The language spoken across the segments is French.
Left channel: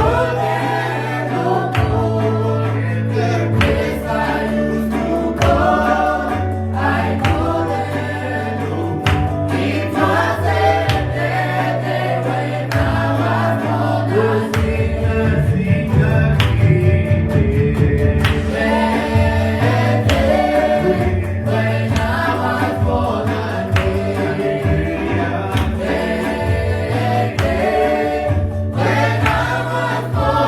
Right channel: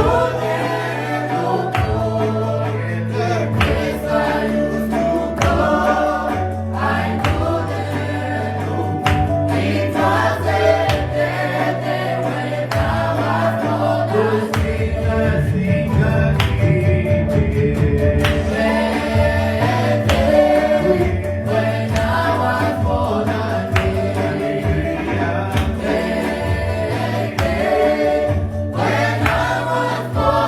When I was born.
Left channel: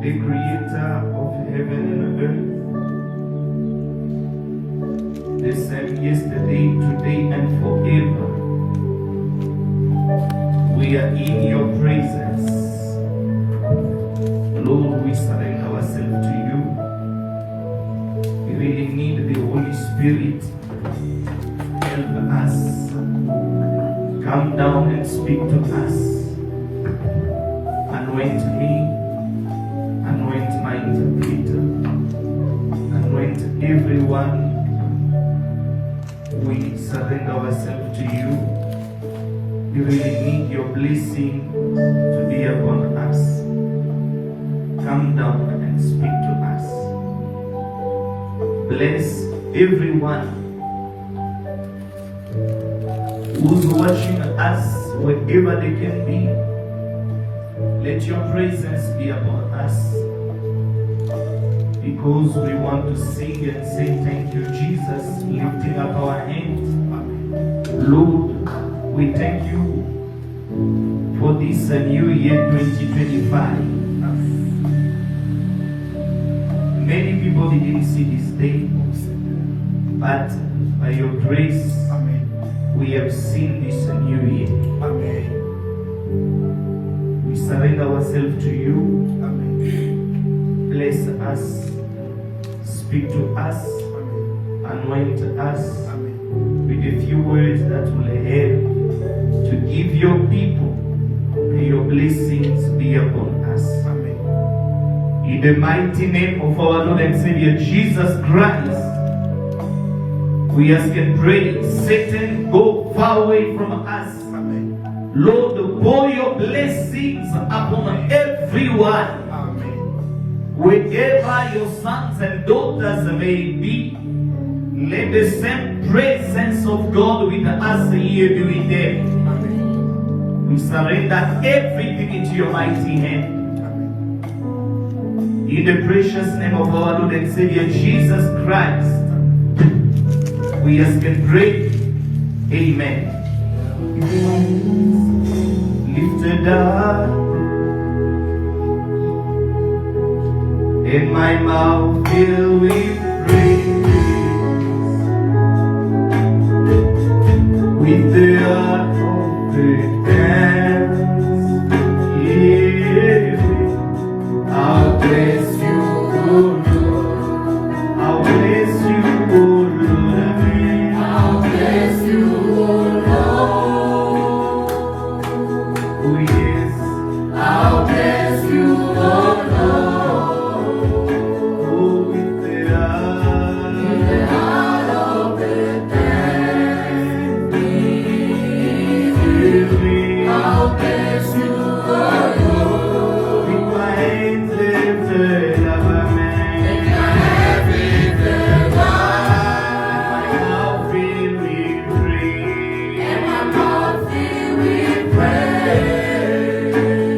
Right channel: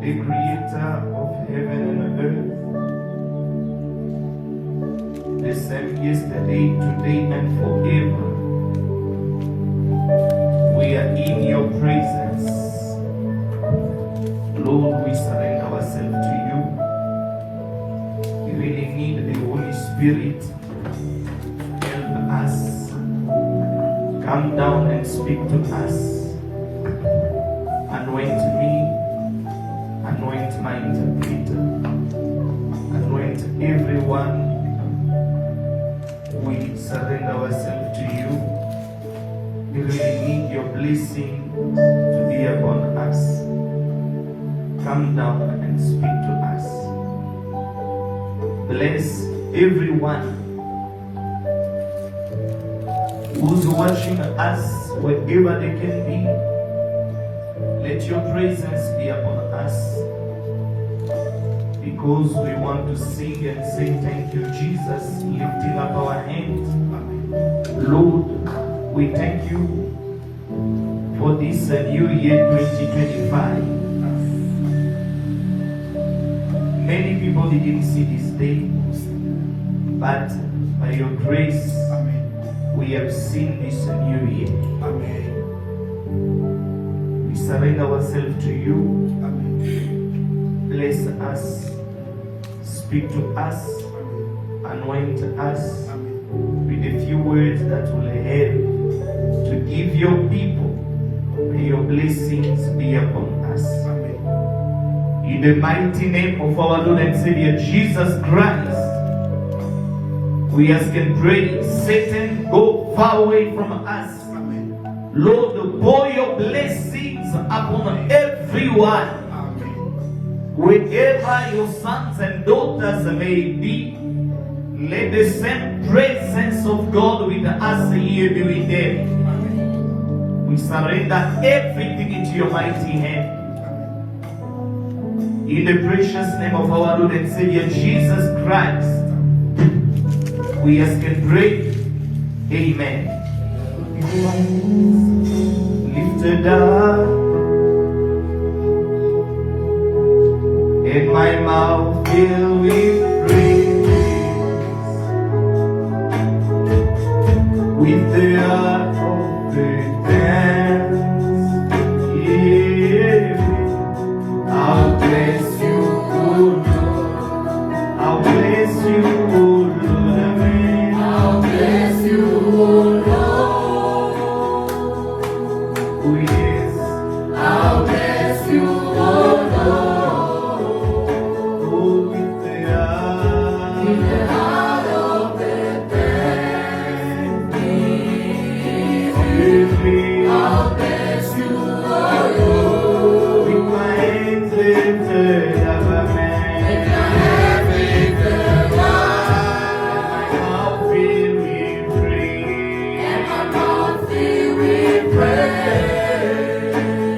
the creator of heaven and earth, the same yesterday, today, and forever. We are in your presence. Lord, we surrender ourselves to you. We really need the Holy Spirit. Help us. Come down and speak to us. Anoint me. Anoint my interpreter. Anoint everyone. We surrender ourselves to you. We really need your blessing to be upon us. Come down and speak to us. Bless everyone who's watching us wherever they can be. Let your presence be upon us, because we want to sing and say thank you, Jesus, lifting up our hands. Lord, we thank you for this new year 2025. Many people didn't see this day, but by your grace, we have seen this new year. We surrender ourselves to you. Bless us, speak to us, anoint us with a few words that will help to give your people. May your blessings be upon us. In the mighty name of our Lord and Savior Jesus Christ, we ask and pray, Satan, go far away from us. Lord, pour your blessings upon everyone. Wherever your sons and daughters may be, let the same presence of God with us here be with them. We surrender everything into your mighty hand. In the precious name of our Lord and Savior Jesus Christ, we ask and pray. Amen. Lifted up, and my mouth filled with praise, with the heart of the dance. Yeah, I'll bless you, oh Lord. I'll bless you, oh Lord. I'll bless you, oh Lord. Oh yes, I'll bless you, oh Lord. I'll bless you, oh Lord. With my hands lifted up, amen. With my hands lifted up, and my mouth filled with praise, and my mouth filled with praise.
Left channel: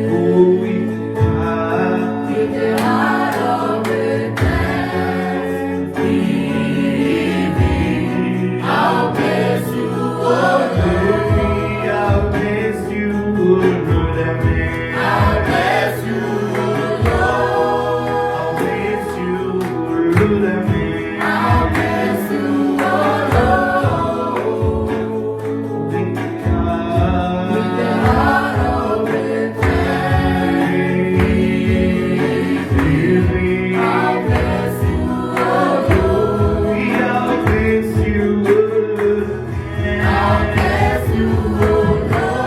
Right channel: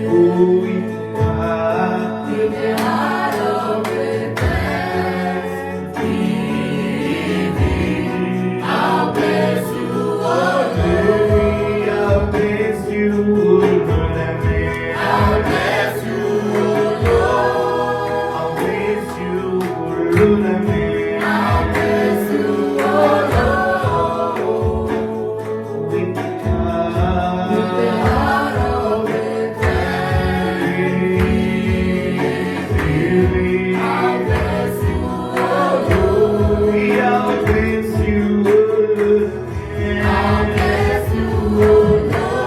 Oh, with the heart of thanksgiving, I'll bless you, oh Lord. I'll bless you, oh Lord. I'll bless you, oh Lord. I'll bless you, oh Lord. I'll bless you, oh Lord. With the heart of thanksgiving, I'll bless you, oh Lord. I'll bless you, oh Lord. I'll bless you, oh Lord.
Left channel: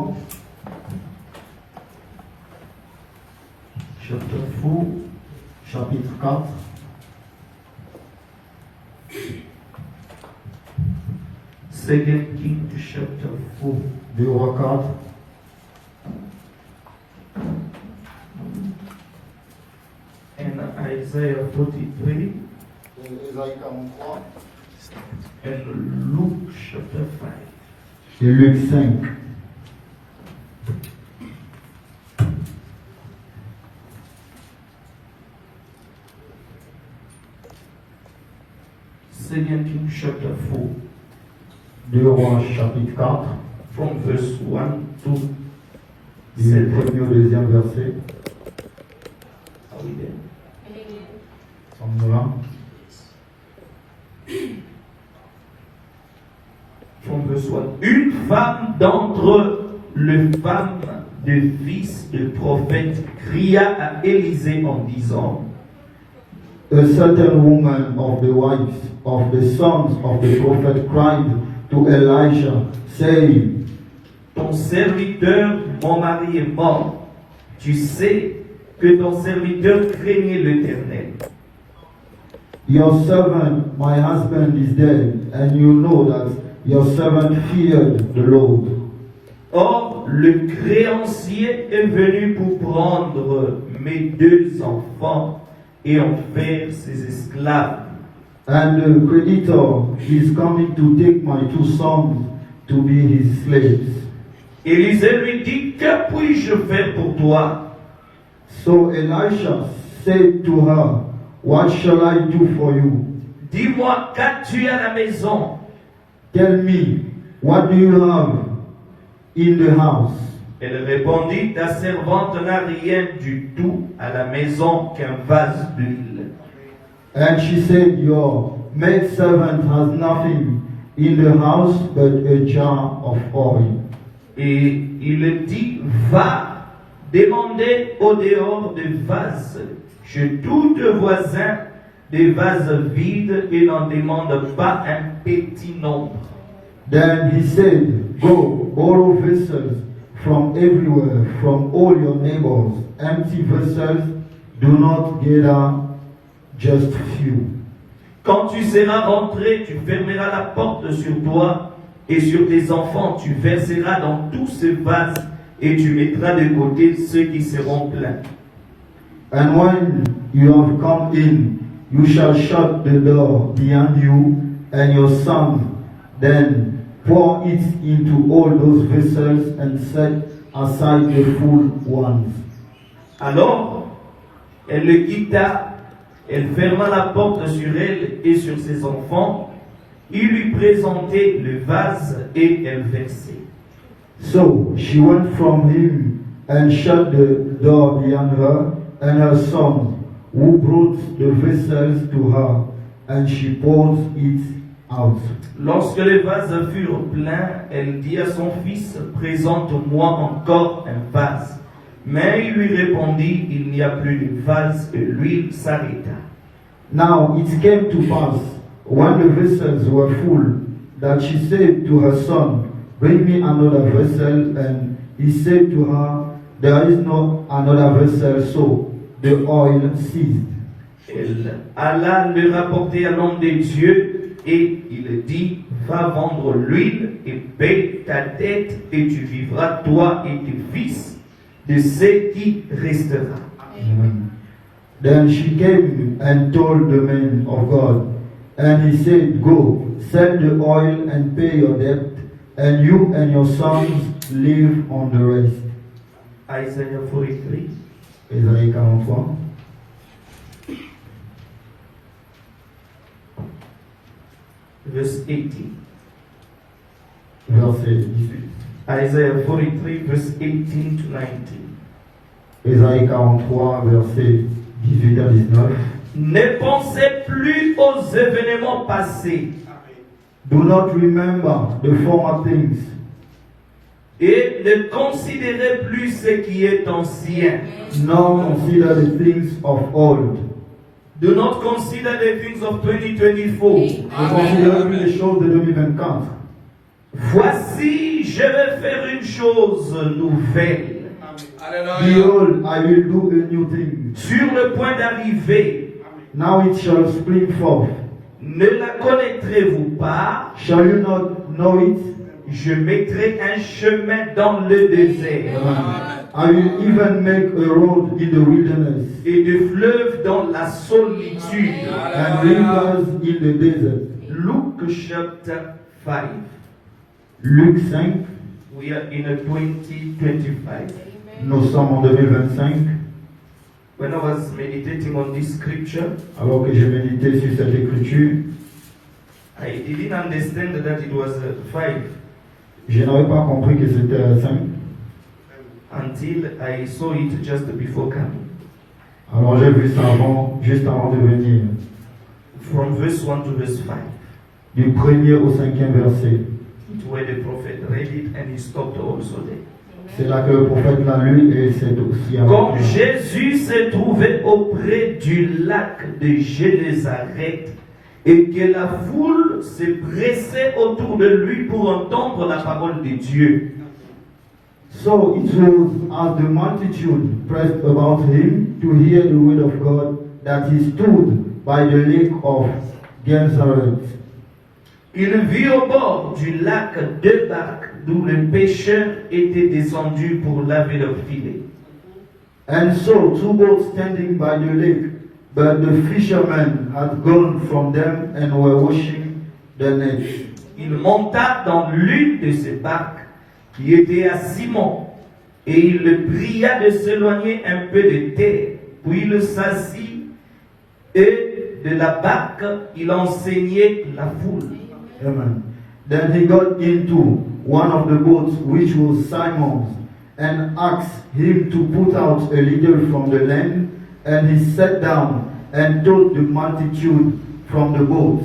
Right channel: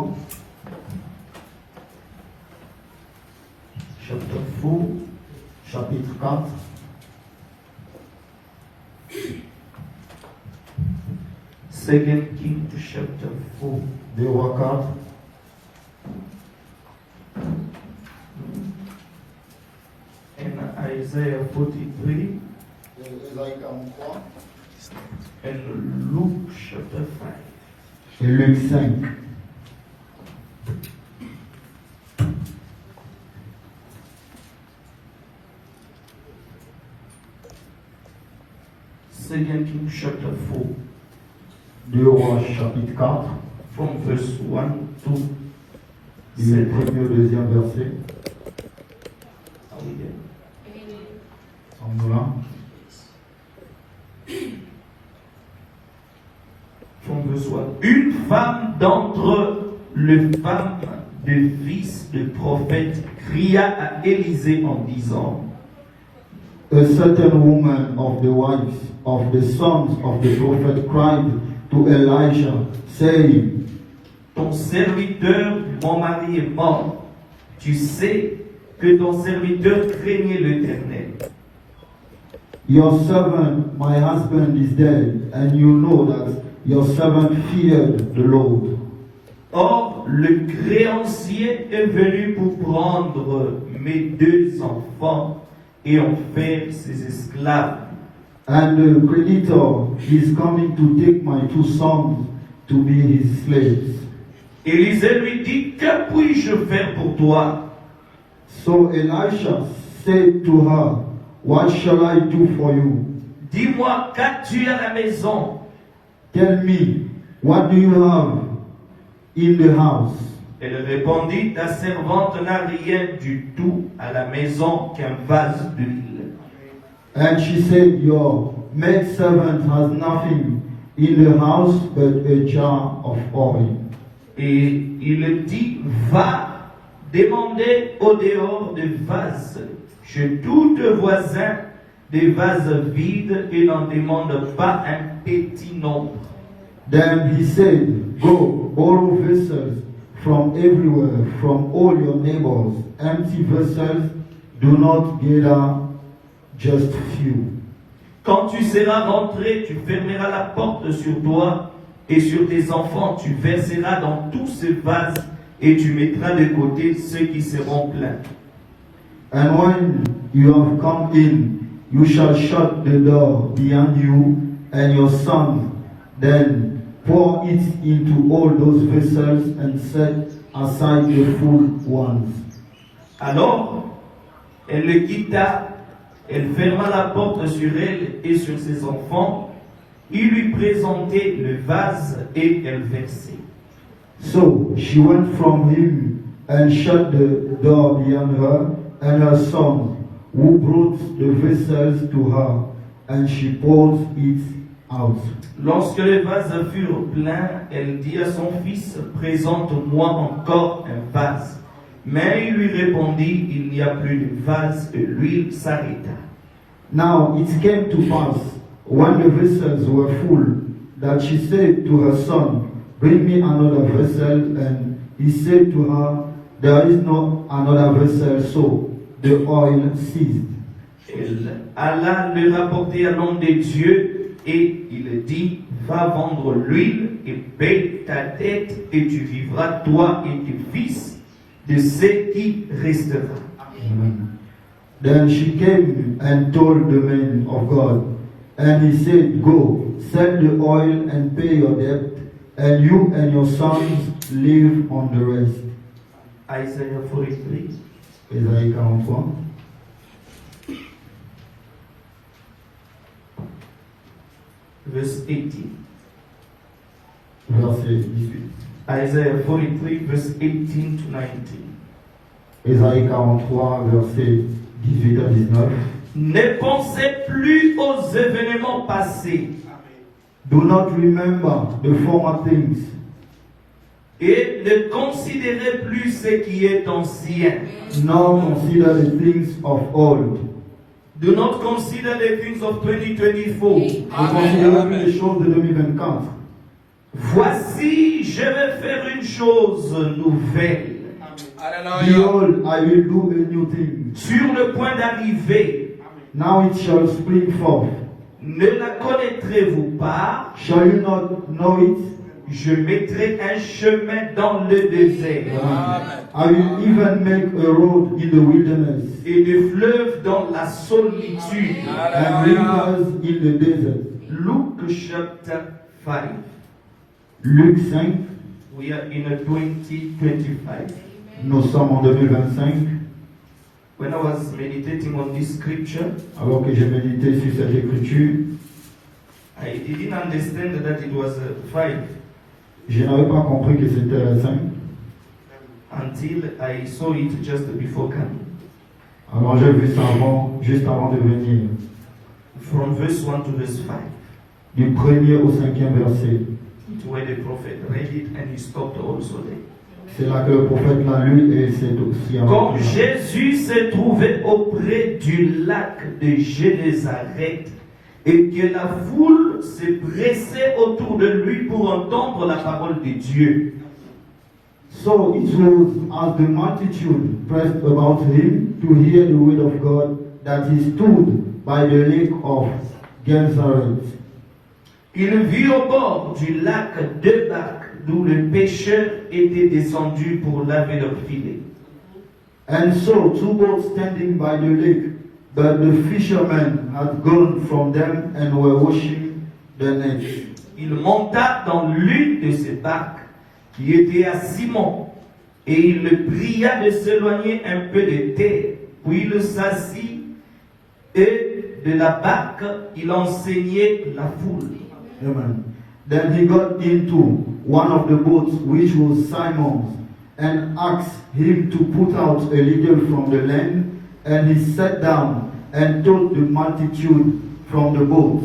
43. Chapter 4, chapitre 4. Second King chapter 4. 2 Rois 4. And Isaiah 43. Ésaïe 43. And Luke chapter 5. Et Luc 5. Second King chapter 4. 2 Rois chapitre 4. From verse 1 to Du 7. premier au deuxième verset. Are we there? Sommes-nous là? From verse 1. Une femme d'entre les femmes des fils de prophètes cria à Élisée en disant: A certain woman of the wives of the sons of the prophet cried to Elisha, saying, Ton serviteur, mon mari est mort. Tu sais que ton serviteur craignait l'Éternel. Your servant, my husband, is dead, and you know that your servant feared the Lord. Or, le créancier est venu pour prendre mes 2 enfants et en faire ses esclaves. And the creditor is coming to take my 2 sons to be his slaves. Élisée lui dit: Que puis-je faire pour toi? So Elisha said to her, What shall I do for you? Dis-moi, qu'as-tu à la maison? Tell me, what do you have in the house? Elle répondit: Ta servante n'a rien du tout à la maison qu'un vase d'huile. And she said, Your maidservant has nothing in the house but a jar of oil. Et il dit: Va demander au dehors des vases. Chez tous tes voisins, des vases vides, et n'en demande pas un petit nombre. Then he said, Go, borrow vessels from everywhere, from all your neighbors, empty vessels, do not gather just few. Quand tu seras rentré, tu fermeras la porte sur toi et sur tes enfants. Tu verseras dans tous ces vases et tu mettras de côté ceux qui seront pleins. And when you have come in, you shall shut the door behind you and your son, then pour it into all those vessels and set aside the full ones. Alors, elle le quitta, elle ferma la porte sur elle et sur ses enfants. Il lui présentait le vase et elle versait. So she went from him and shut the door behind her and her son, who brought the vessels to her, and she poured it out. Lorsque les vases furent pleins, elle dit à son fils: Présente-moi encore un vase. Mais il lui répondit: Il n'y a plus de vase, et l'huile s'arrêta. Now it came to pass, when the vessels were full, that she said to her son, Bring me another vessel, and he said to her, There is no another vessel, so the oil ceased. Elle alla le rapporter à l'homme de Dieu, et il dit: Va vendre l'huile et paie ta dette, et tu vivras, toi et tes fils, de ce qui restera. Amen. Then she came and told the man of God, and he said, Go, sell the oil and pay your debt, and you and your sons live on the rest. Isaiah 43. Ésaïe 43. Verse 18. Verset 18. Isaiah 43, verse 18 to 19. Ésaïe 43, verset 18 à 19. Ne pensez plus aux événements passés Do not remember the former things, et ne considérez plus ce qui est ancien. nor consider the things of old. Do not consider the things of 2024. Ne considérez plus les choses de 2024. Voici, je vais faire une chose nouvelle. Behold, I will do a new thing. Sur le point d'arriver, Now it shall spring forth. ne la connaîtrez-vous pas? Shall you not know it? Je mettrai un chemin dans le désert I will even make a road in the wilderness et des fleuves dans la solitude. and rivers in the desert. Luke chapter 5. Luc 5, We are in a 2025. nous sommes en 2025. When I was meditating on this scripture, Alors que j'ai médité sur cette écriture, I didn't understand that it was 5 je n'avais pas compris que c'était 5. until I saw it just before coming. Alors j'ai vu ça juste avant de venir. From verse 1 to verse 5. Du 1er au 5e verset. It's where the prophet read it and he stopped also there. C'est là que le prophète l'a lu et c'est aussi Quand arrêté. Jésus se trouvait auprès du lac de Génézareth et que la foule se pressait autour de lui pour entendre la parole de Dieu. So it was as the multitude pressed about him to hear the word of God that he stood by the lake of Gennesaret. Il vit au bord du lac deux barques d'où les pêcheurs étaient descendus pour laver leurs filets. And so 2 boats standing by the lake, but the fishermen had gone from them and were washing their nets. Il monta dans l'une de ces barques qui était à Simon et il le pria de s'éloigner un peu de terre. Puis il s'assit et de la barque il enseignait la foule. Amen. Then he got into one of the boats, which was Simon's, and asked him to put out a little from the land, and he sat down and taught the multitude from the boat.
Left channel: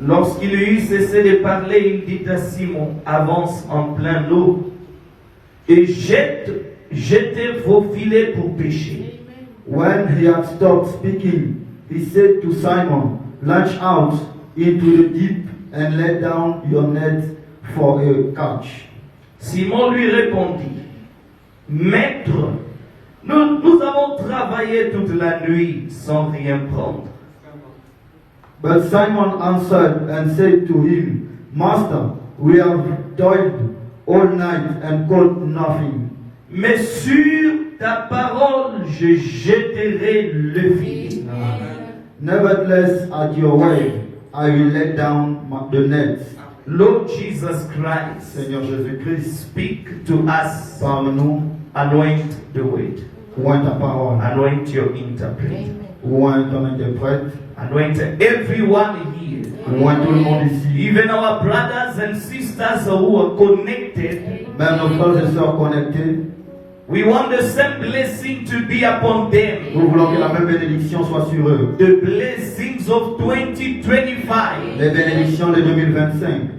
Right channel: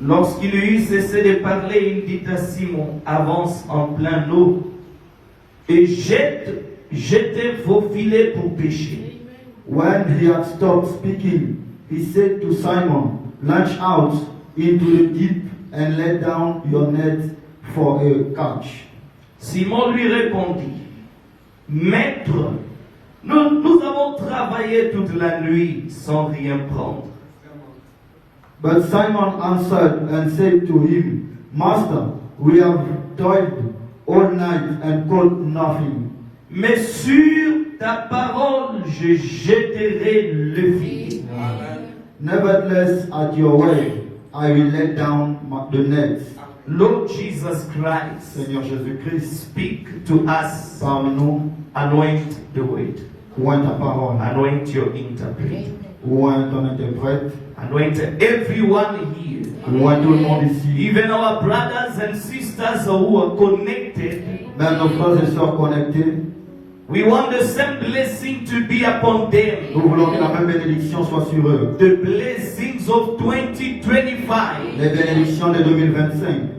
Lorsqu'il eut cessé de parler, il dit à Simon, avance en plein eau et jetez vos filets pour pêcher. When he had stopped speaking, he said to Simon, launch out into the deep and let down your net for a catch. Simon lui répondit, Maître, nous avons travaillé toute la nuit sans rien prendre. But Simon answered and said to him, Master, we have toiled all night and caught nothing. Mais sur ta parole, je jetterai le filet. Nevertheless, at your way, I will let down the net. Lord Jesus Christ, Seigneur Jésus-Christ, speak to us. parle-nous, Anoint the word. oint ta parole, Anoint your interpreter. oint ton interprète, Anoint everyone here. oint tout le monde ici. Even our brothers and sisters who are connected. Même nos frères et sœurs connectés, We want the same blessing to be upon them. nous voulons que la même bénédiction soit sur eux. The blessings of 2025. Les bénédictions de 2025.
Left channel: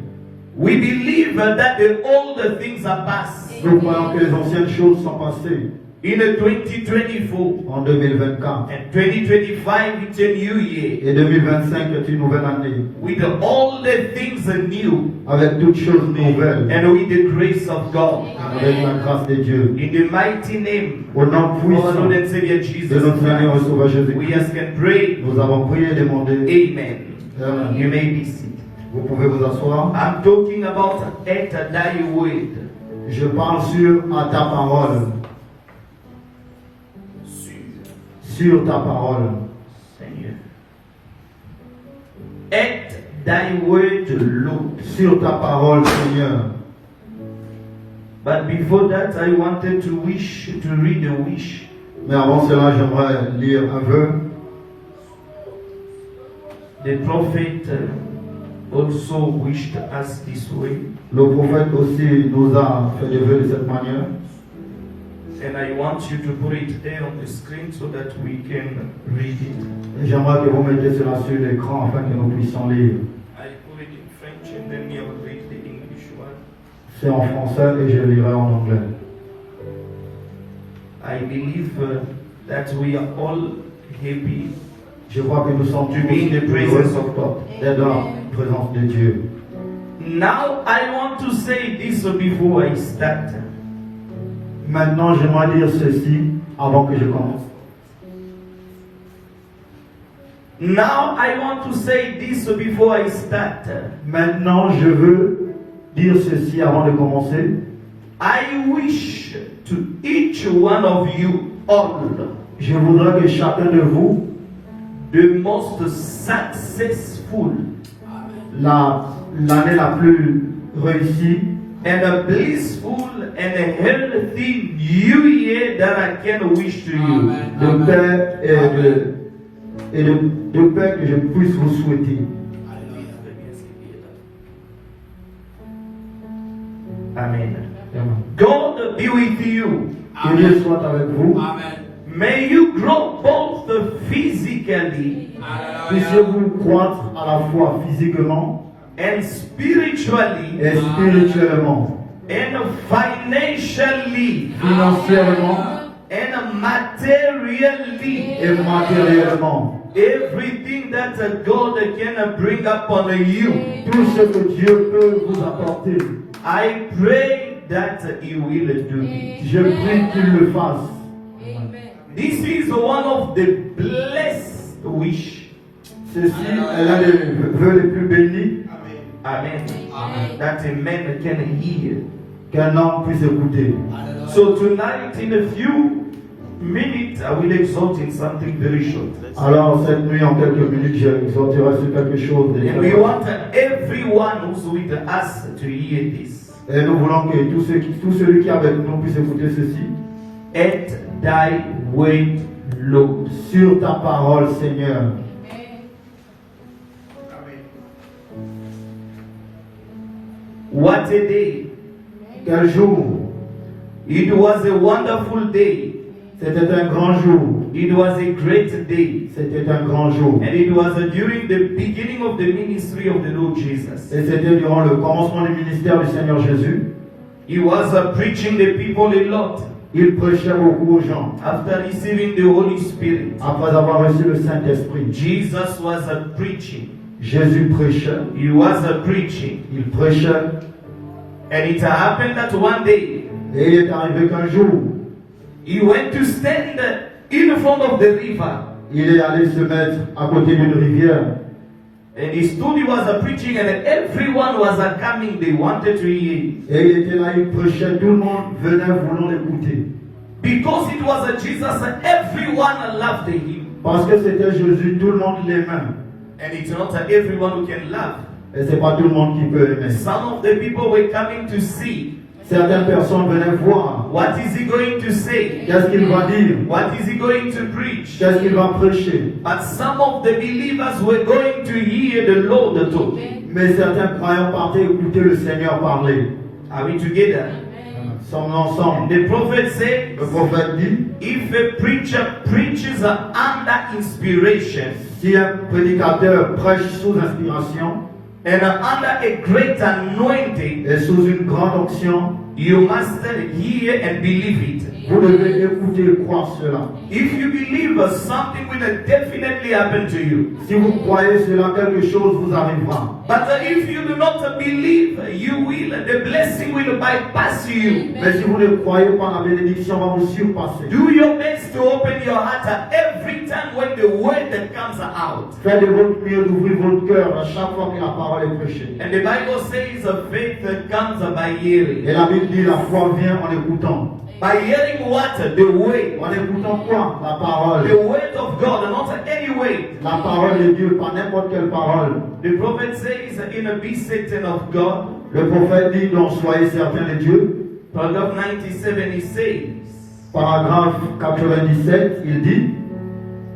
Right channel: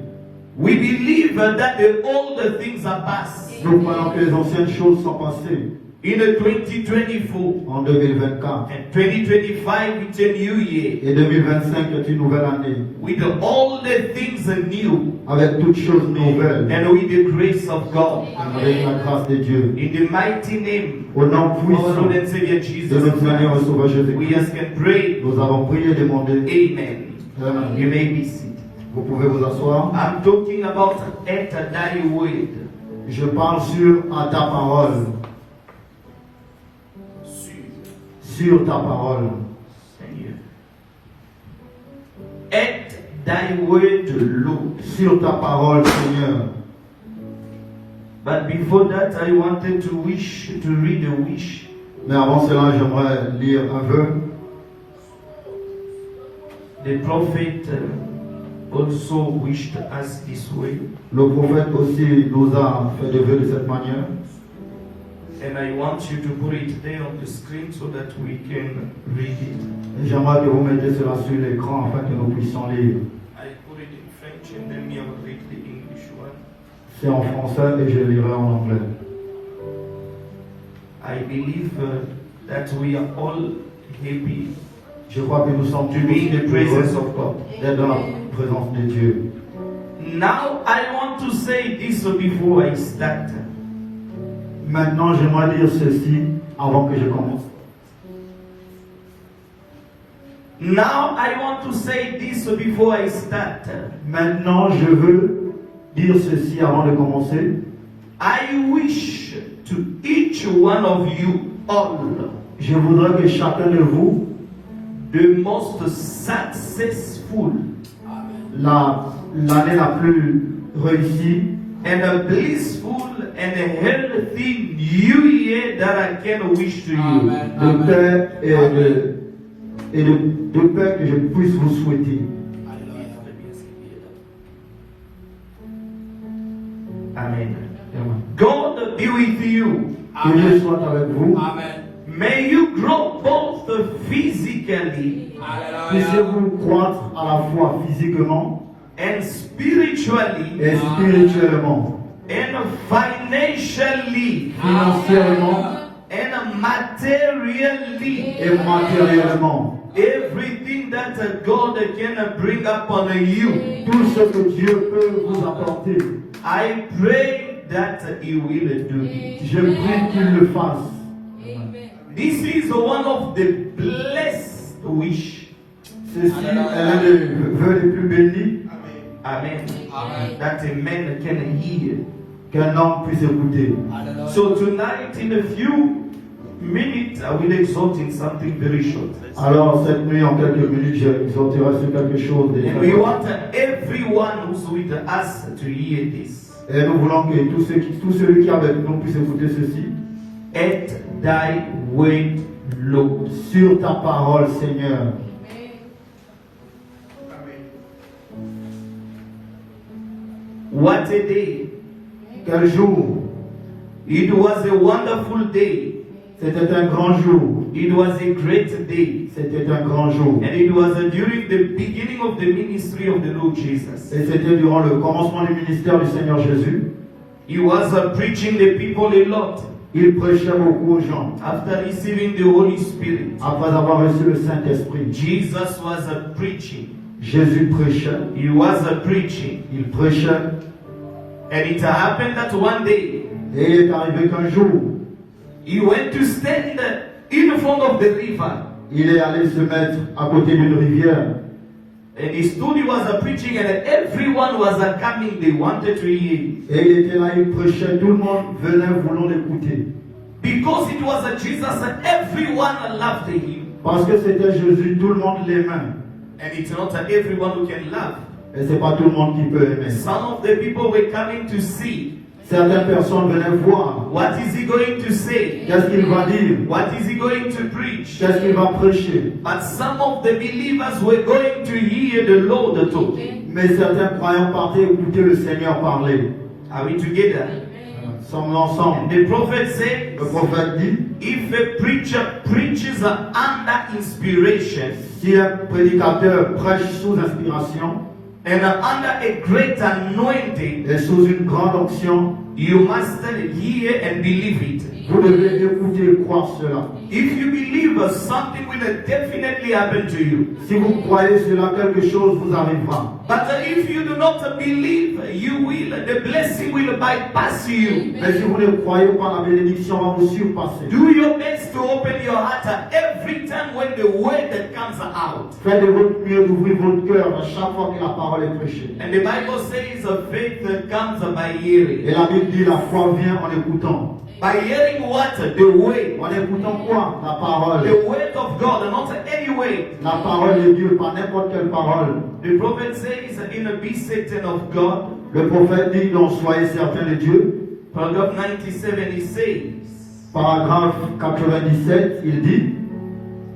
We believe that the older things are past. Nous croyons que les anciennes choses sont passées In 2024. en 2024. And 2025 it's a new year. Et 2025 est une nouvelle année. With all the things new. Avec toutes choses nouvelles. And with the grace of God. Avec la grâce de Dieu. In the mighty name Au nom of our puissant Lord and Savior de Jesus notre Seigneur et Christ, Sauveur we Jésus-Christ, ask and pray. nous avons prié et demandé. Amen. Amen. You may be seated. Vous pouvez vous asseoir. I'm talking about at thy word. Je parle sur à ta parole. Sur ta parole. Seigneur. At thy word, Lord. Sur ta parole, Seigneur. But before that, I wanted to read a wish. Mais avant cela, j'aimerais lire un vœu. The prophet also wished us this way. Le prophète aussi nous a fait des vœux de cette manière. And I want you to put it there on the screen so that we can read it. Et j'aimerais que vous mettez cela sur l'écran afin que nous puissions lire. I put it in French and then I will read the English one. C'est en français et je lirai en anglais. I believe that we are all happy Je crois que nous sommes to be in the presence of God. d'être dans la présence de Dieu. Now I want to say this before I start. Maintenant, j'aimerais dire ceci avant que je commence. Now I want to say this before I start. Maintenant, je veux dire ceci avant de commencer. I wish to each one of you all Je voudrais que chacun de vous, the most successful l'année la plus réussie and a blissful and a healthy new year that I can wish to you. de paix et de paix que je puisse vous souhaiter. Amen. Amen. God be with you. Que Dieu soit avec vous. May you grow both physically Puissiez-vous croître à la fois physiquement and spiritually et spirituellement, and financially financièrement and materially. et matériellement. Everything that God can bring upon you, Tout ce que Dieu peut vous apporter, I pray that He will do it. je prie qu'il le fasse. This is one of the blessed wish. Ceci est l'un des vœux les plus bénis Amen. That a man can hear. qu'un homme puisse écouter. So tonight, in a few minutes, I will exhort in something very short. Alors cette nuit, en quelques minutes, j'exhorterai sur quelque chose de And we want everyone who's with us to hear this. Et nous voulons que tout celui qui est avec nous puisse écouter ceci. At thy word, Lord. Sur ta parole, Seigneur. What a day. Quel jour. It was a wonderful day. C'était un grand jour. It was a great day. C'était un grand jour. And it was during the beginning of the ministry of the Lord Jesus. Et c'était durant le commencement du ministère du Seigneur Jésus. He was preaching the people a lot Il prêchait beaucoup aux gens. after receiving the Holy Spirit. Après avoir reçu le Saint-Esprit, Jesus was preaching. Jésus prêchait. He was preaching. Il prêchait. And it happened that one day Et il est arrivé qu'un jour, he went to stand in front of the river. il est allé se mettre à côté d'une rivière. And he stood, he was preaching, and everyone was coming. They wanted to hear it. Et il était là, il prêchait. Tout le monde venait voulant l'écouter. Because it was Jesus, everyone loved him. Parce que c'était Jésus, tout le monde l'aimait. And it's not everyone who can love. Et c'est pas tout le monde qui peut aimer. Some of the people were coming to see. Certaines personnes venaient voir. What is he going to say? Qu'est-ce qu'il va dire? What is he going to preach? Qu'est-ce qu'il va prêcher? But some of the believers were going to hear the Lord talk. Mais certains croyants partaient écouter le Seigneur parler. Are we together? Sommes ensemble. The prophet said, Le prophète dit, if a preacher preaches under inspiration si un prédicateur prêche sous inspiration and under a great anointing, et sous une grande onction, you must hear and believe it. vous devez écouter et croire cela. If you believe, something will definitely happen to you. Si vous croyez cela, quelque chose vous arrivera. But if you do not believe, the blessing will bypass you. Mais si vous ne croyez pas, la bénédiction va vous surpasser. Do your best to open your heart every time when the word comes out. Faites de votre mieux d'ouvrir votre cœur à chaque fois que la parole est prêchée. And the Bible says faith comes by hearing. Et la Bible dit la foi vient en écoutant. By hearing what? The word. En écoutant quoi? La parole. The word of God, not any way. La parole de Dieu, pas n'importe quelle parole. The prophet says, be certain of God. Le prophète dit, donc soyez certains de Dieu. Paragraph 97, he says, Paragraphe 97, il dit,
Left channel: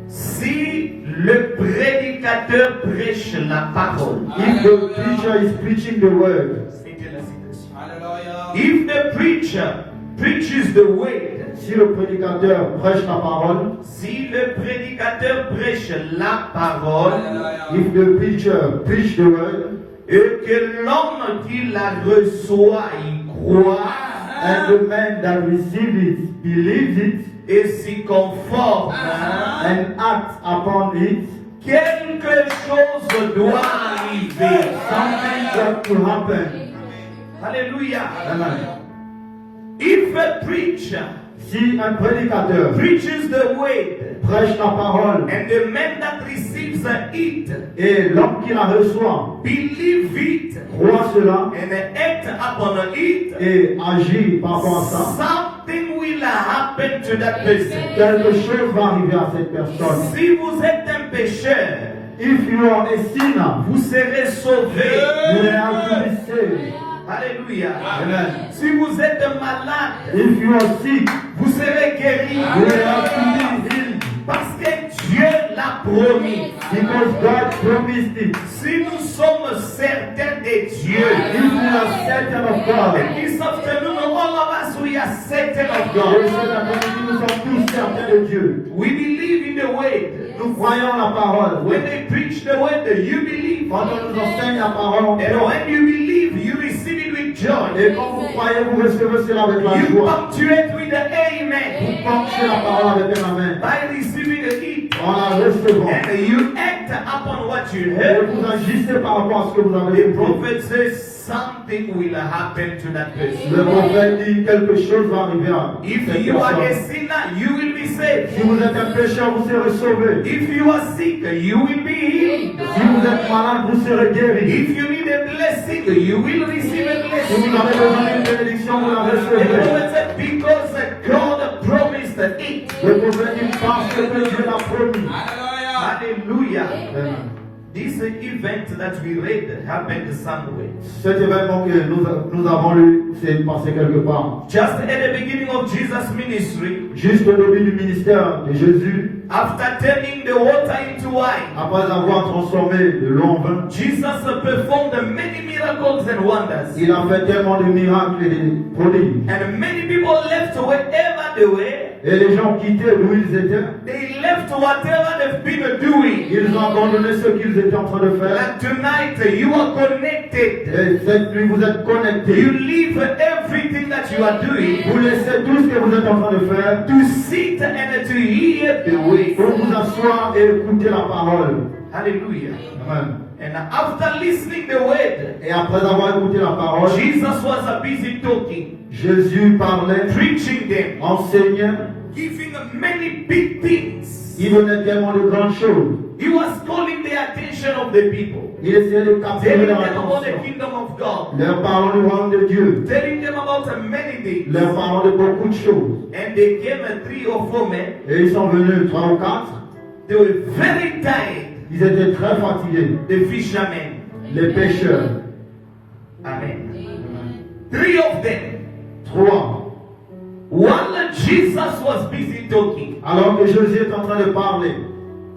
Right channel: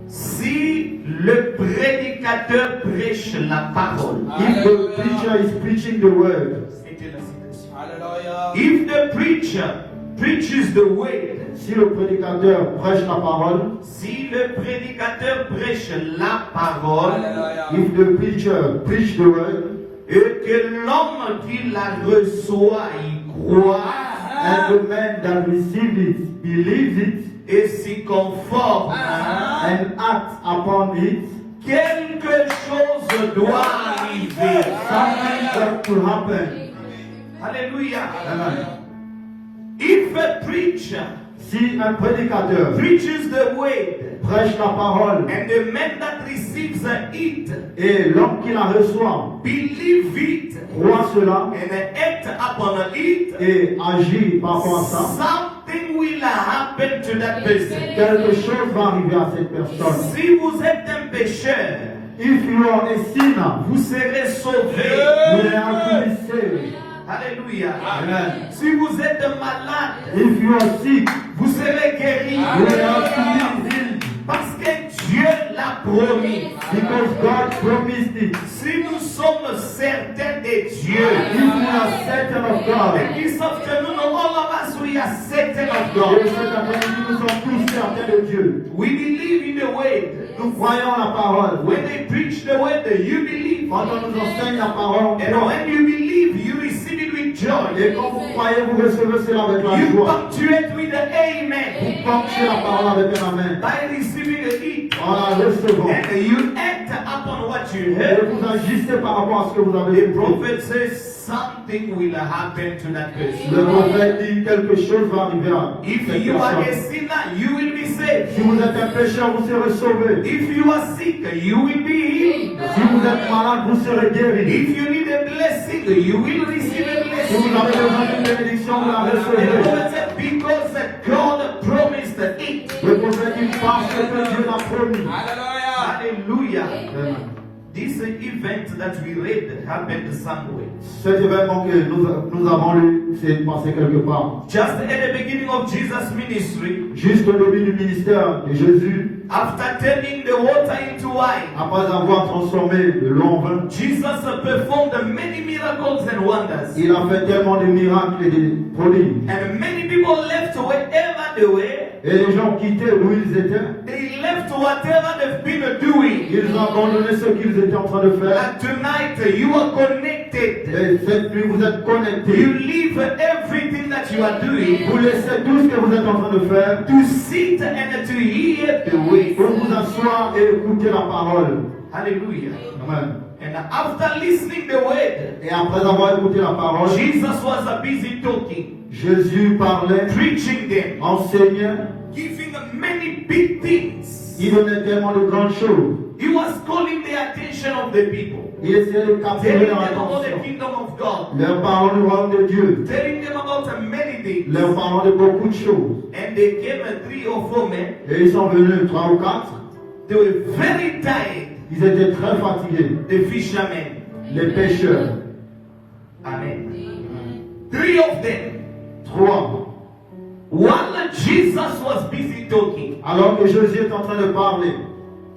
si le prédicateur prêche la parole, if the preacher is preaching the word, c'était la citation. If the preacher preaches the word, si le prédicateur prêche la parole, si le prédicateur prêche la parole, if the preacher preach the word, et que l'homme qui la reçoit y croit, and the man that receives it believes it, et s'y conforme, and acts upon it, quelque chose doit arriver. Something got to happen. Hallelujah. Amen. If a preacher Si un prédicateur preaches the word, prêche la parole and the man that receives it et l'homme qui la reçoit believe it croit cela and act upon it, et agit par rapport à ça, something will happen to that person. quelque chose va arriver à cette personne. Si vous êtes un pécheur, If you are a sinner, vous serez sauvé. you have to be saved. Alléluia. Amen. Si vous êtes malade, If you are sick, vous serez guéri. you have to be healed. Parce que Dieu l'a promis. Because God promised it. Si nous sommes certains de Dieu, If you are certain of God, and ils savent que nous, all of us, we are certain of et God. cet après-midi, nous sommes tous certains de Dieu. We believe in the word. Nous croyons la parole. When they preach the word, you believe. Quand on nous enseigne la parole, And when you believe, you receive it with joy. et quand vous croyez, vous recevez cela avec la You joie. punctuate with the amen. Vous portez la parole avec un amen. By receiving it. En la recevant. And you act upon what you Et heard. vous agissez par rapport à ce que vous avez The écouté. prophet says something will happen to that person. Le prophète dit quelque chose va arriver à If cette you are a personne. sinner, you will be saved. Si vous êtes un pécheur, vous serez sauvé. If you are sick, you will be healed. Si vous êtes malade, vous serez guéri. If you need a blessing, you will receive a Si vous blessing. avez besoin d'une bénédiction, vous la The recevrez. prophet said, because God promised it. Le prophète dit parce que Dieu l'a promis. Hallelujah. Amen. This event that we read happened somewhere. Cet événement que nous avons lu, c'est passé quelque part. Just at the beginning of Jesus' ministry, Juste au début du ministère de Jésus, after turning the water into wine, après avoir transformé de l'eau en vin, Jesus performed many miracles and wonders. il a fait tellement de miracles et de prodiges. And many people left wherever they were. Et les gens quittaient où ils étaient. They left whatever they've been doing. Ils ont abandonné ce qu'ils étaient en train de faire. And tonight you are connected. Et cette nuit, vous êtes You connectés. leave everything that you are doing Vous laissez tout ce que vous êtes en train de faire to sit and to hear the way. pour vous asseoir et écouter la parole. Hallelujah. Amen. And after listening the word, Et après avoir écouté la parole, Jesus was busy talking, Jésus parlait, preaching them, enseignait. giving many big things. Il donnait tellement de grandes choses. He was calling the attention of the people, Il essayait de capter telling leur them about the attention. kingdom of God, Leur parlant du royaume de Dieu. telling them about many things. Leur parlant de beaucoup de choses. And they came 3 or 4 men. Et ils sont venus 3 ou 4. They were very tired, Ils étaient très fatigués. the fishermen. Les pêcheurs. Amen. 3 of them. 3. While Jesus was busy talking, Alors que Jésus est en train de parler.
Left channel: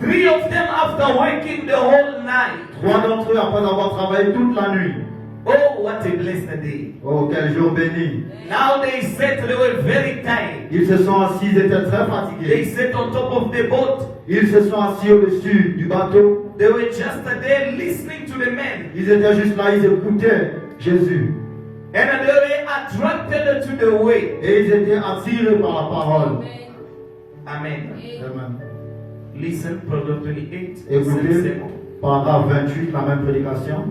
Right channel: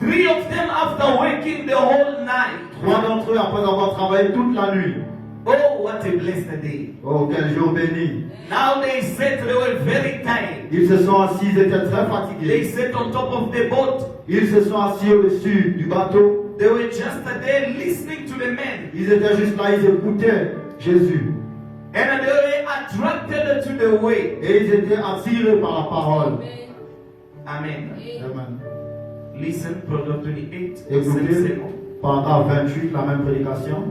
3 of them, after working the whole night. 3 d'entre eux, après avoir travaillé toute la nuit. Oh, what a blessed day. Oh, quel jour béni. Now they said they were very tired. Ils se sont assis, ils étaient très They fatigués. sat on top of the boat. Ils se sont assis au-dessus du bateau. They were just there listening to the men. Ils étaient juste là, ils écoutaient Jésus. And they were attracted to the way. Et ils étaient attirés par la parole. Amen. Amen. Listen, Proverbs 28. Écoutez, paragraphe 28, la même prédication.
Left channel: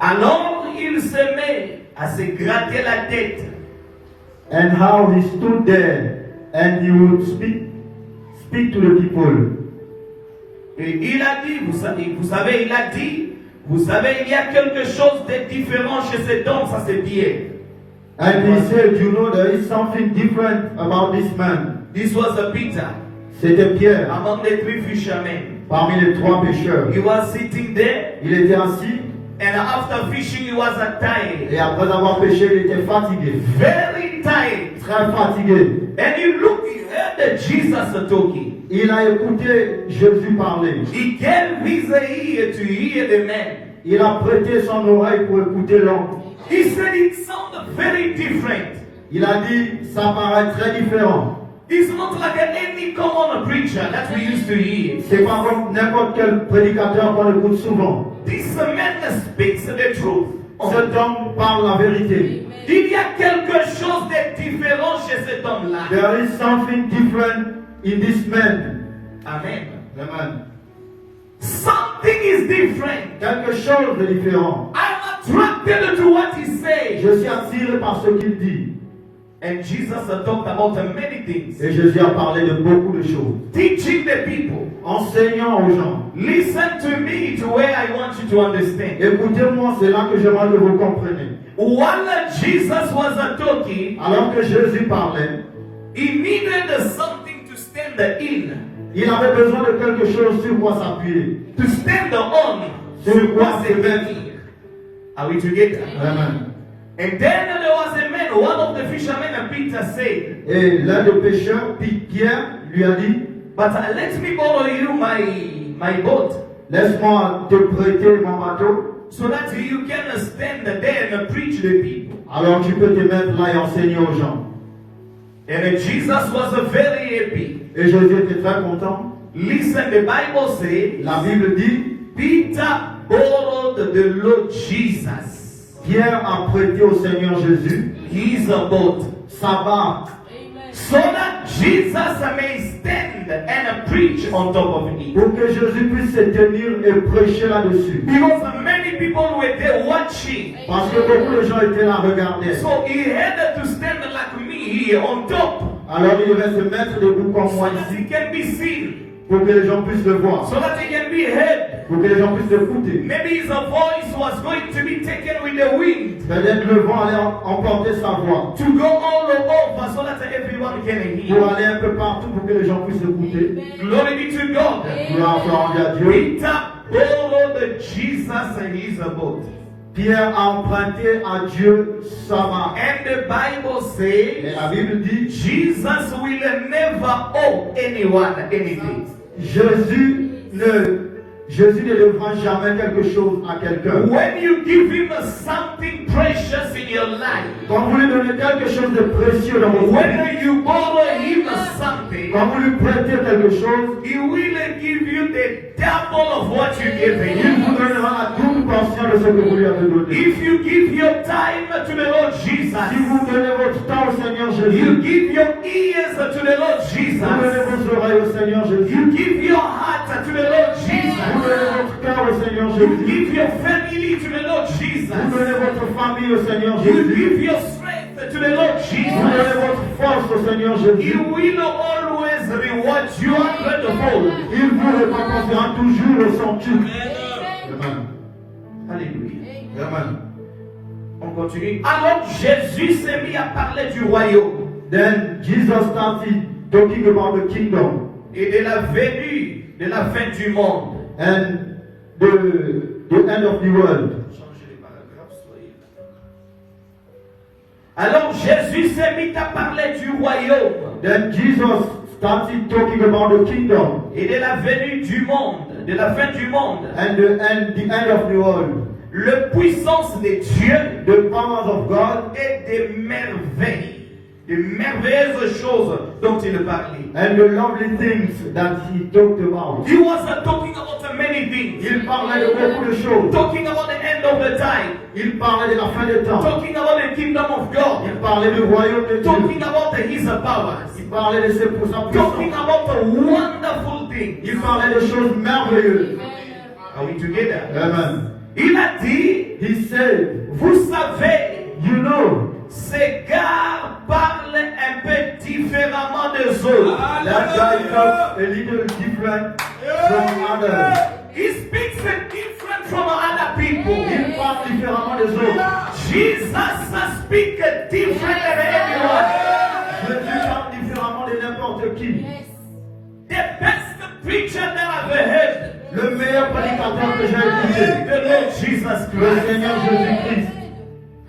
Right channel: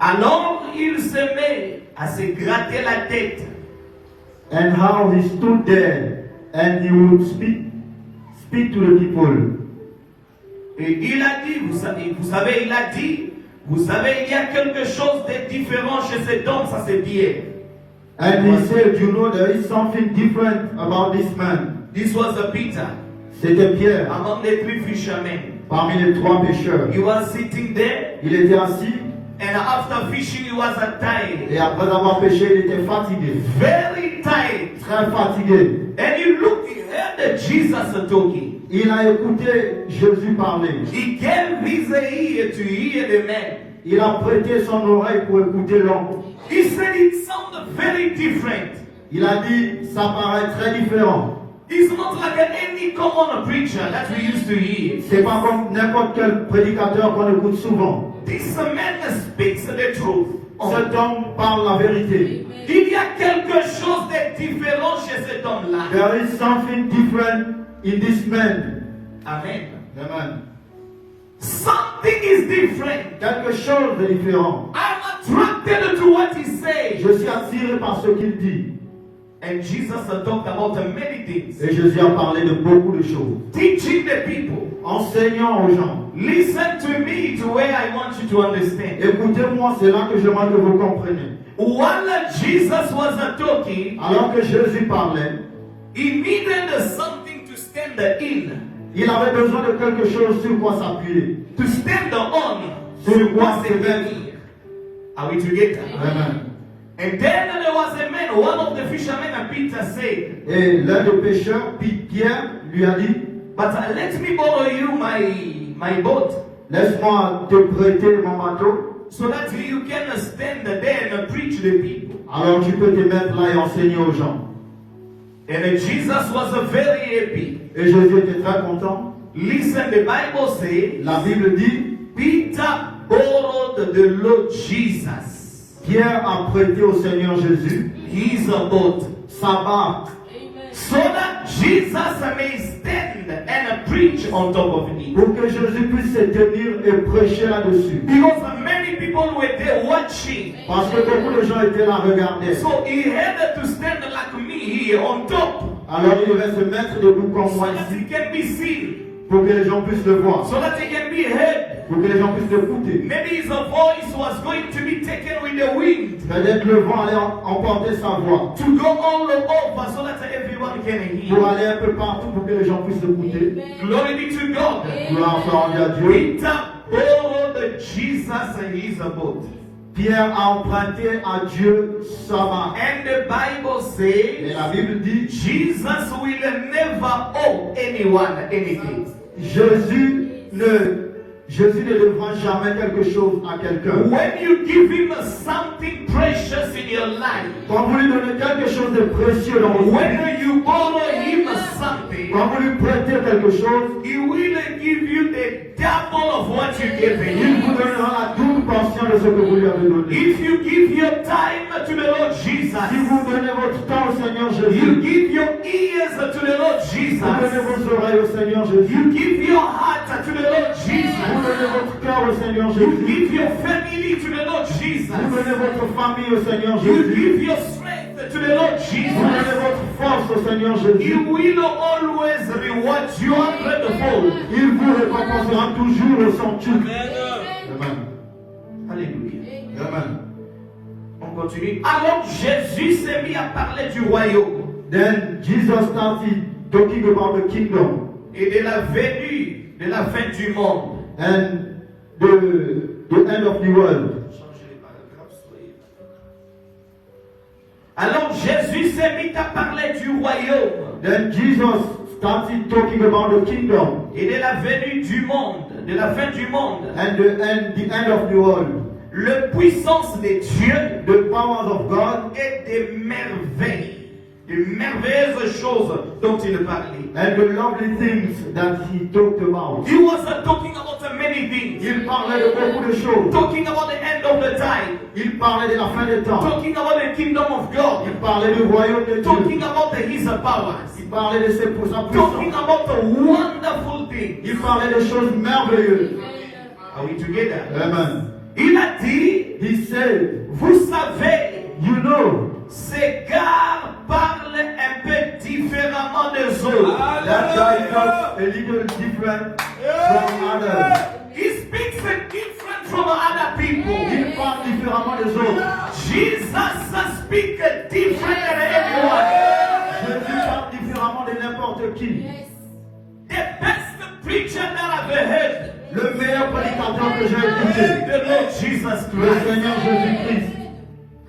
Alors il se met à se gratter la tête. And how he stood there and he would speak to the people. Et il a dit, vous savez, il a dit, vous savez, il y a quelque chose de différent chez cet homme, ça c'est Pierre. And he said, you know, there is something different about this man. This was a Peter, C'était Pierre, among the 3 fishermen. parmi les 3 pêcheurs. He was sitting there, Il était assis and after fishing, he was tired. et après avoir pêché, il était fatigué. Very tired. Très fatigué. And he heard Jesus talking. Il a écouté Jésus parler. He gave his ear to hear the man. Il a prêté son oreille pour écouter l'homme. He said it sounded very different. Il a dit, ça paraît très différent. It's not like any common preacher that we used to hear. C'est pas comme n'importe quel prédicateur qu'on écoute souvent. This man speaks the truth. Cet homme parle la vérité. Il y a quelque chose de différent chez cet homme-là. There is something different in this man. Amen. Amen. something is different. Quelque chose de différent. I'm attracted to what he says. Je suis attiré par ce qu'il dit. And Jesus talked about many things. Et Jésus a parlé de beaucoup de choses. Teaching the people. Enseignant aux gens. Listen to me to where I want you to understand. Écoutez-moi, c'est là que j'aimerais que vous compreniez. While Jesus was talking, Alors que Jésus parlait, he needed something to stand in. il avait besoin de quelque chose sur quoi s'appuyer. To stand on. Sur quoi Was se a mettre. man. Are we together? Amen. And then there was a man, one of the fishermen, and Peter said, Et l'un des pécheurs, Pierre, lui a dit, but let me borrow you my boat, laisse-moi te prêter mon bateau, so that you can stand there and preach the people. alors tu peux te mettre là et enseigner aux gens. And Jesus was very happy. Et Jésus était très content. Listen, the Bible says, La Bible dit, Peter borrowed the Lord Jesus Pierre a prêté au Seigneur Jésus his boat, sa barque, so that Jesus may stand and preach on top of it. pour que Jésus puisse se tenir et prêcher là-dessus. Because many people were there watching. Parce que beaucoup de gens étaient là à regarder. So he had to stand like me here on top, Alors il devait se mettre debout comme so moi that he ici, can be seen, pour que les gens puissent le voir, so that he can be heard. pour que les gens puissent l'écouter. Maybe his voice was going to be taken with the wind Peut-être le vent allait emporter sa voix, to go all over so that everyone can pour hear. aller un peu partout, pour que les gens puissent l'écouter. Glory be to God. Gloire à Dieu. Peter borrowed Jesus his boat. Pierre a emprunté à Dieu sa barque. And the Bible Et says la Bible dit, Jesus will never owe anyone anything. Jésus ne devra jamais quelque chose à quelqu'un. When you give him something precious in your life, Quand vous lui donnez quelque chose de précieux dans votre vie, when you borrow him something, quand vous lui prêtez quelque chose, he will give you the double of what you gave il him. vous donnera la double portion de ce que vous lui avez donné. If you give your time to the Lord Jesus, Si vous donnez votre temps au Seigneur you Jésus, give your ears to the Lord vous Jesus, donnez vos oreilles au Seigneur you Jésus, give your heart to the Lord vous Jesus, donnez votre cœur au Seigneur you Jésus, give your family to the Lord vous Jesus, donnez votre famille au Seigneur you Jésus, give your strength to the Lord vous donnez Jesus, votre force au Seigneur He Jésus. will always reward you hundredfold. Il vous récompensera toujours le centuple. Amen. Alléluia. Amen. On continue. Alors Jésus s'est mis à parler du royaume Then Jesus started talking about the kingdom et de la venue de la fin du monde. and the end of the world. Alors Jésus s'est mis à parler du royaume Then Jesus started talking about the kingdom et de la venue du monde, de la fin du monde. and the end of the world. La puissance de Dieu The powers of God et des merveilles, des merveilleuses choses dont il parlait. and the lovely things that he talked about. He was talking about many things. Il parlait de beaucoup de choses. Talking about the end of the time. Il parlait de la fin des temps. Talking about the kingdom of God. Il parlait du royaume de Dieu. Talking about his powers. Il parlait de sa Talking puissance. about the wonderful things. Il parlait de choses merveilleuses. Are we together? Amen. Il a dit, He said, vous savez, you know, ces gars parlent un peu différemment des autres. that guy talks a little different from others. He speaks different from other people. Il parle différemment des autres. Jesus speaks different than anyone. Jésus parle différemment de n'importe qui. The best preacher that I've ever heard. Le meilleur prédicateur que j'ai écouté, The Lord Jesus le Christ. Seigneur Jésus-Christ.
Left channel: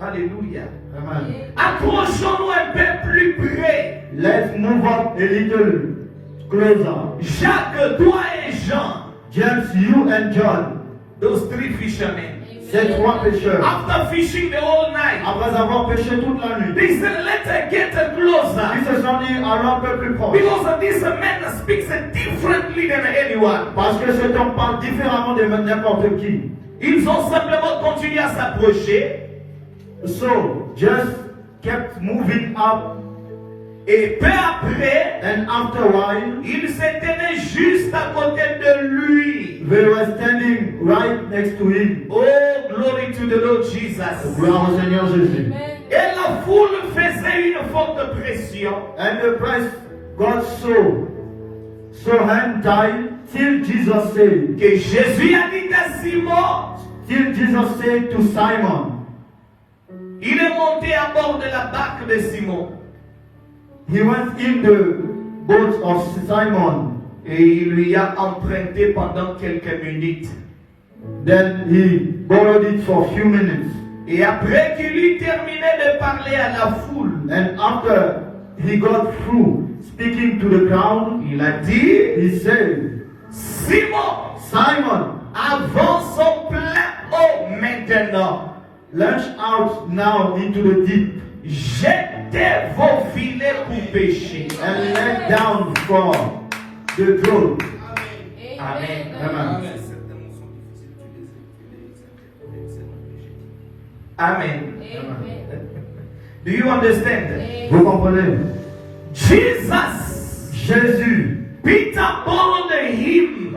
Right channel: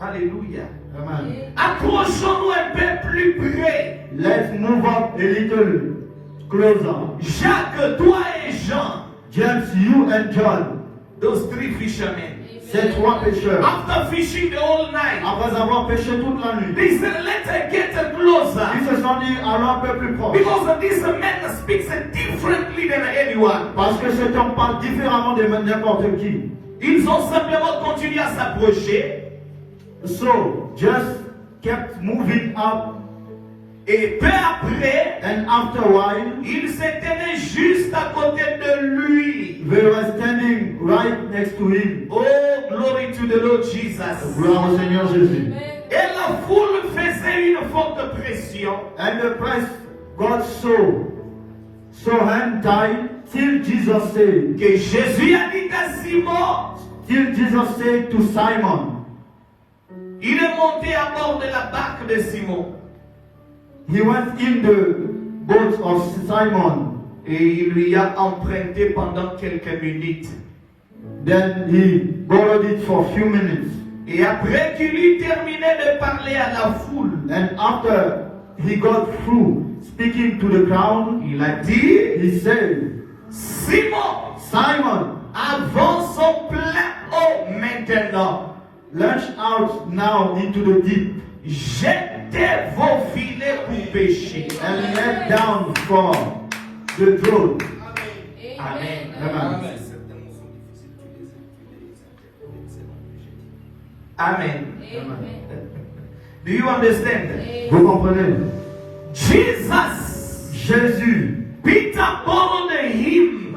Alléluia. Amen. Approchons-nous un peu plus près. Let's move up a little closer. Jacques, toi et Jean, James, you and John, those three fishermen, ces trois pécheurs, after fishing the whole night, après avoir péché toute la nuit, they said, let's get closer. ils se sont dit allons un peu plus proche. Because this man speaks differently than anyone. Parce que cet homme parle différemment de n'importe qui. Ils ont simplement continué à s'approcher. So, just kept moving up Et peu après, And after a while, il s'est tenu juste à côté de lui. they were standing right next to him. Oh, glory to the Lord Jesus. Gloire au Seigneur Jésus. Et la foule faisait une forte pression. And the press got so hand tied till Jesus said, Que Jésus a dit à Simon, till Jesus said to Simon, il est monté à bord de la barque de Simon. he went in the boat of Simon. Et il lui a emprunté pendant quelques minutes. Then he borrowed it for a few minutes. Et après qu'il eut terminé de parler à la foule, And after he got through speaking to the crowd, il a dit, he said, Simon, Simon, avance au plein eau maintenant. launch out now into the deep Jetez vos filets pour pêcher. and let down for the drone. Amen. Amen. Amen. Do you understand? Vous comprenez? Jesus, Jésus, Peter borrowed him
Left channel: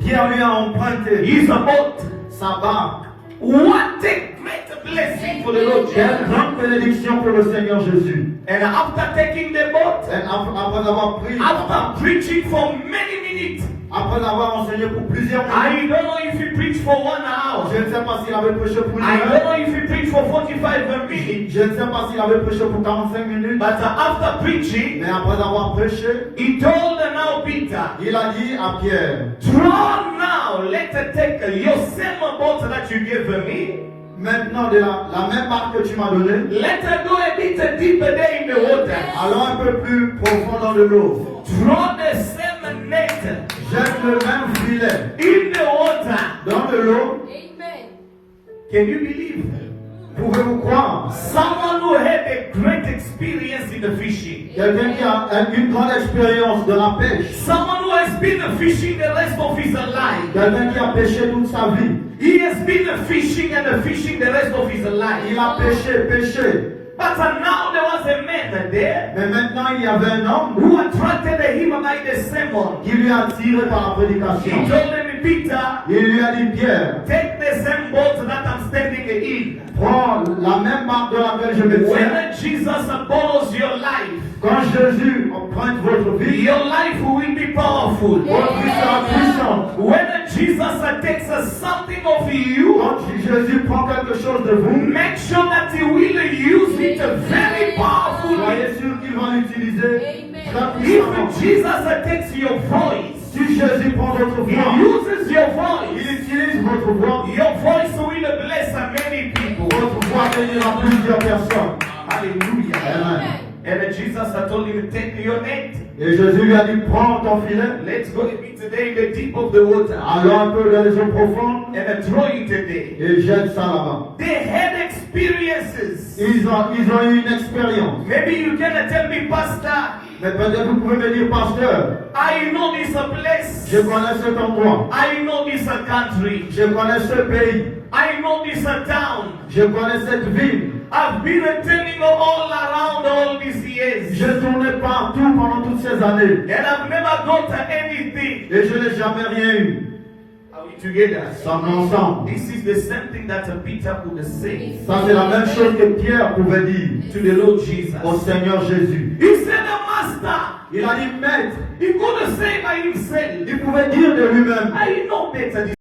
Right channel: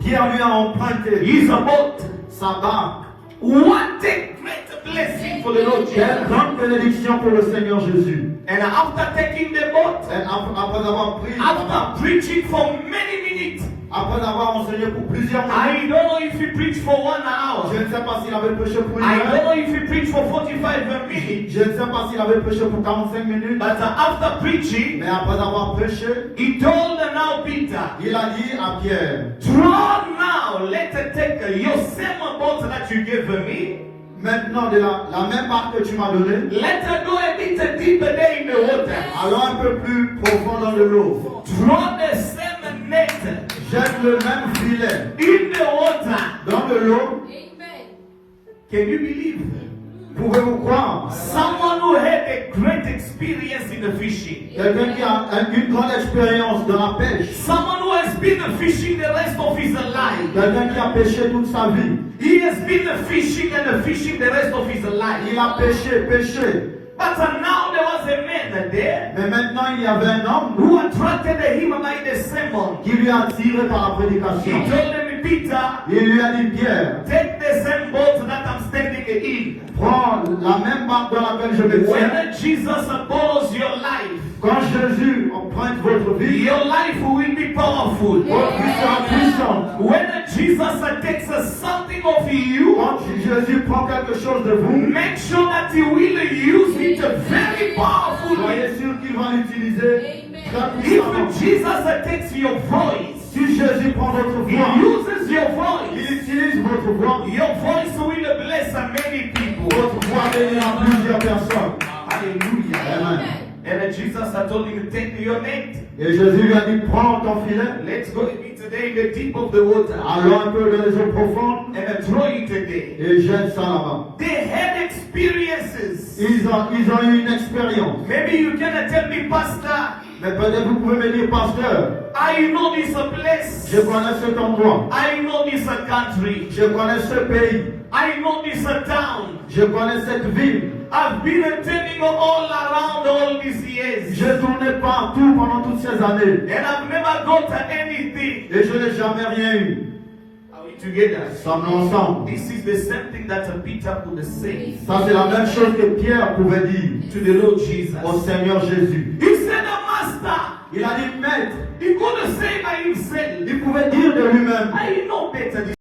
Pierre lui a emprunté his boat. sa barque. What a great blessing for the Lord Quelle Jesus. grande bénédiction pour le Seigneur Jésus. And after taking the boat, Et après avoir pris, after preaching for many minutes, après avoir enseigné pour plusieurs minutes, I don't know if he preached for 1 hour. je ne sais pas s'il avait prêché pour une I don't heure, know if he preached for 45 minutes. je ne sais pas s'il avait prêché pour 45 minutes, But after preaching, mais après avoir prêché, he told now Peter, il a dit à Pierre, draw now, let's take your same boat that you gave me. maintenant de la même barque que tu m'as donnée, Let's go a bit deeper there in the water. allons un peu plus profond dans de l'eau. Draw the same net Jette le même filet in the water. dans de l'eau. Can you believe? Pouvez-vous croire? Someone who had a great experience in the fishing. Quelqu'un qui a une grande expérience de la pêche. Someone who has been fishing the rest of his life. Quelqu'un qui a pêché toute sa vie. He has been fishing and fishing the rest of his life. Il a pêché. But now there was a man there Mais maintenant, il y avait un homme who attracted him by the sermon. qui lui a attiré par la He prédication. told him, Peter, Il lui a dit, Pierre, take the same boat that I'm standing in. prends la même barque dans laquelle je me tiens. When Jesus borrows your life, Quand Jésus emprunte votre vie, your life will be powerful. votre vie sera puissante. When Jesus takes something of you, Quand Jésus prend quelque chose de vous, make sure that he will use it very powerfully. soyez sûr qu'il va l'utiliser très puissamment. If Jesus takes your voice, Si Jésus prend votre he voix, uses your voice. il utilise votre voix, Your voice will bless many people. votre voix bénira plusieurs personnes. Hallelujah. Amen. And Jesus had told him, take your net. Et Jésus lui a dit, prends ton filet, Let's go a bit today in the deep of the water allons un peu dans les eaux profondes and throw it today. et jette ça là-bas. They had experiences. Ils ont eu une expérience. Maybe you can tell me, Pastor, Mais peut-être vous pouvez me dire, pasteur, I know this place. je connais cet endroit, I know this country. je connais ce pays, I know this town. je connais cette ville. I've been turning all around all these years. Je tournais partout pendant toutes ces années And I've never got anything. et je n'ai jamais rien eu. Are we together? Sommes ensemble. This is the same thing that Peter would say Ça, c'est la même chose que Pierre pouvait dire to the Lord Jesus. au Seigneur Jésus. He said, Master, Il a dit, maître, he could say by himself, il pouvait dire de lui-même, I know better